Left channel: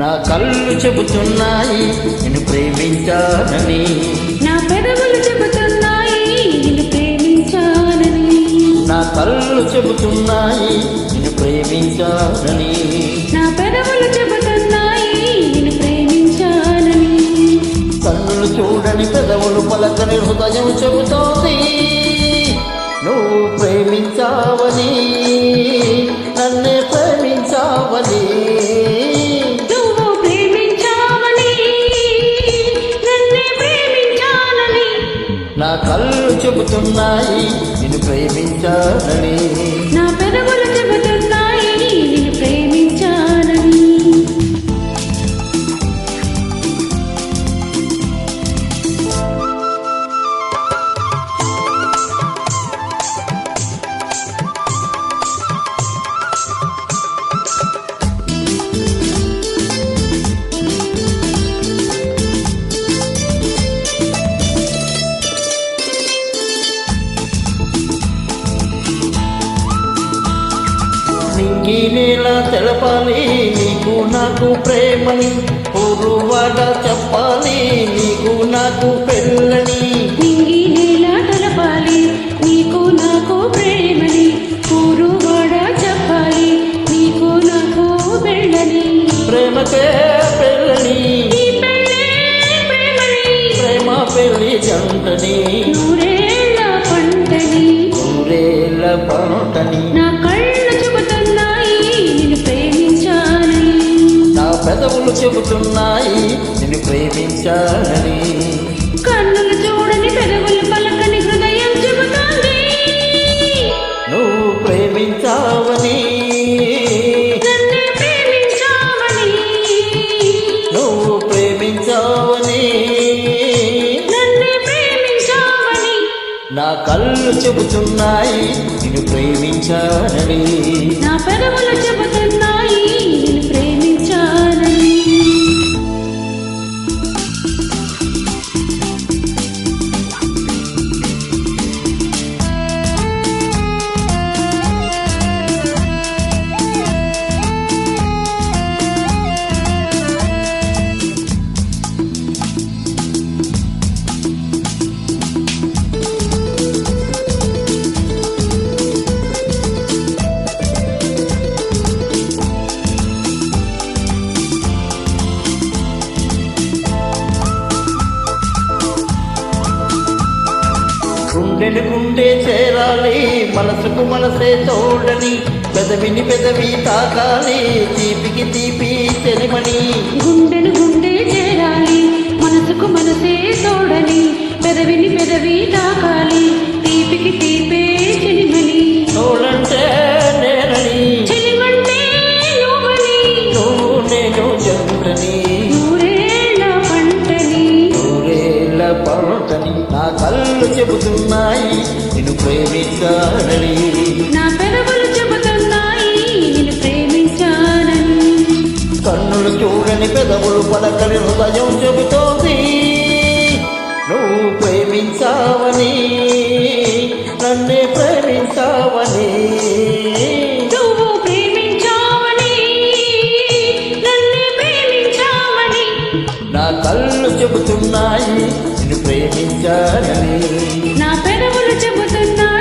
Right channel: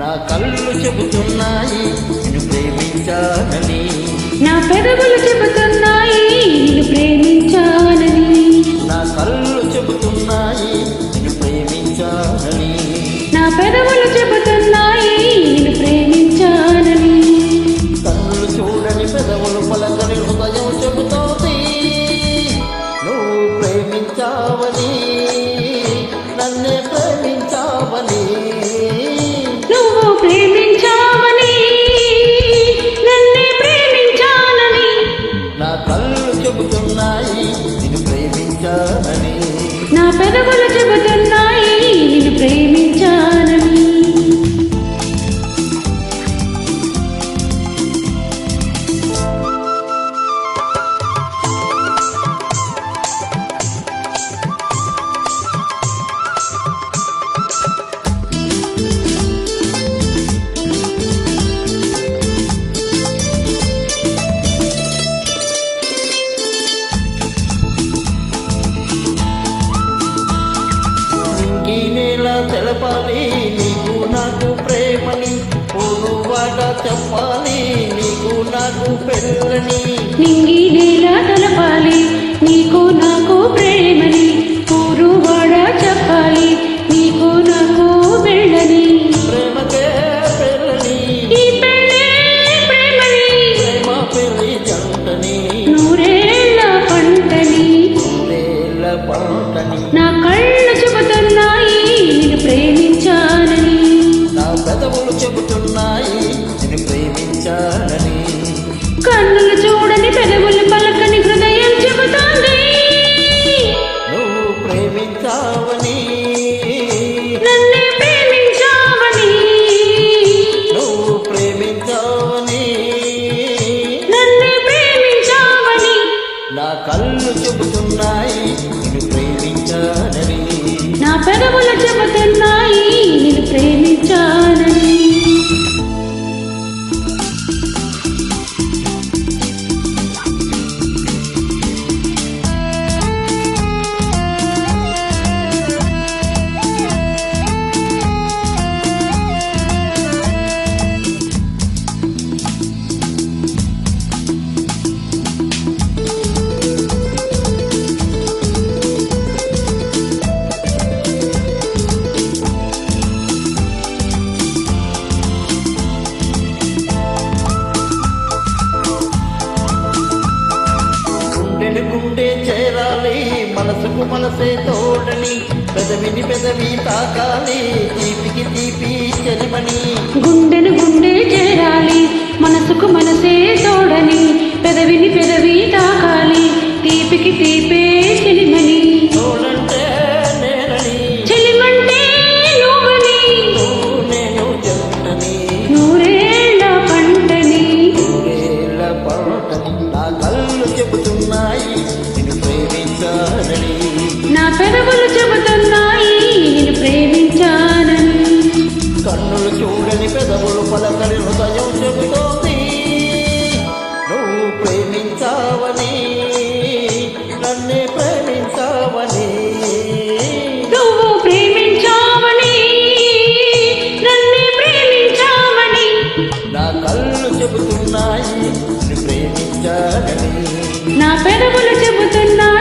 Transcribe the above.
నా కళ్ళు చెబుతున్నాయి నిన్ను ప్రేమించానని, నా పెదవులు చెబుతున్నాయి నిన్ను ప్రేమించానని, నా కళ్ళు చెబుతున్నాయి నిన్ను ప్రేమించానని, నా పెదవులు చెబుతున్నాయి నిన్ను ప్రేమించానని. కన్నులు చూడని పెదవులు పలకని హృదయం చెబుతోంది నువ్వు ప్రేమించావని, నన్నే ప్రేమించావని. నువ్వు ప్రేమించావని, నన్నే ప్రేమించానని, నా కళ్ళు చెబుతున్నాయి నిన్ను ప్రేమించానని, నా పెదవులు చెబుతున్నాయి నిన్ను ప్రేమించానని. నింగి నేల తెలపాలి నీకు నాకు ప్రేమని, ఊరువాడ చెప్పాలి నీకు నాకు పెళ్ళని. నింగి నేల తెలపాలి నీకు నాకు ప్రేమని, ఊరువాడ చెప్పాలి నీకు నాకు వెళ్ళని. ప్రేమకే పెళ్ళని, ఈ పెళ్ళే ప్రేమని, ప్రేమ పెళ్ళి జంటని, నూరేళ్ళ పంటని, నూరేళ్ళ పంటని. నా కళ్ళు చెబుతున్నాయి నిన్ను ప్రేమించానని, నా పెదవులు చెబుతున్నాయి నిన్ను ప్రేమించానని, కన్నులు చూడని పెదవులు పలకని హృదయం చెబుతోంది నువ్వు ప్రేమించావని, నన్నే ప్రేమించావని, నువ్వు ప్రేమించావని. నన్నే ప్రేమించావని, నా కళ్ళు చెబుతున్నాయి నిన్ను ప్రేమించానని, నా పెదవులు చెబుతున్నాయి నిన్ను ప్రేమించానని. గుండెను గుండె చేరాలి మనసుకు మనసే తోడని, పెదవిని పెదవి తాకాలి తీపికి తీపి చెలిమని. గుండెను గుండె చేరాలి మనసుకు మనసే తోడని, పెదవిని పెదవి తాకాలి తీపికి తీపే చెలిమని. తోడంటే నేనని, చెలిమంటే నువ్వని, నువ్వు నేను జంటని, నూరేళ్ళ పంటని, నూరేళ్ళ పంటని. నా కళ్ళు చెబుతున్నాయి నిన్ను ప్రేమించానని, నా పెదవులు చెబుతున్నాయి నిన్ను ప్రేమించానని, కన్నులు చూడని పెదవులు పలకని హృదయం చెబుతోంది నువ్వు ప్రేమించావని, నన్నే ప్రేమించావని. నువ్వు ప్రేమించావని, నన్నే ప్రేమించావని, నా కళ్ళు చెబుతున్నాయి నిన్ను ప్రేమించానని, నా పెదవులు చెబుతున్నాయి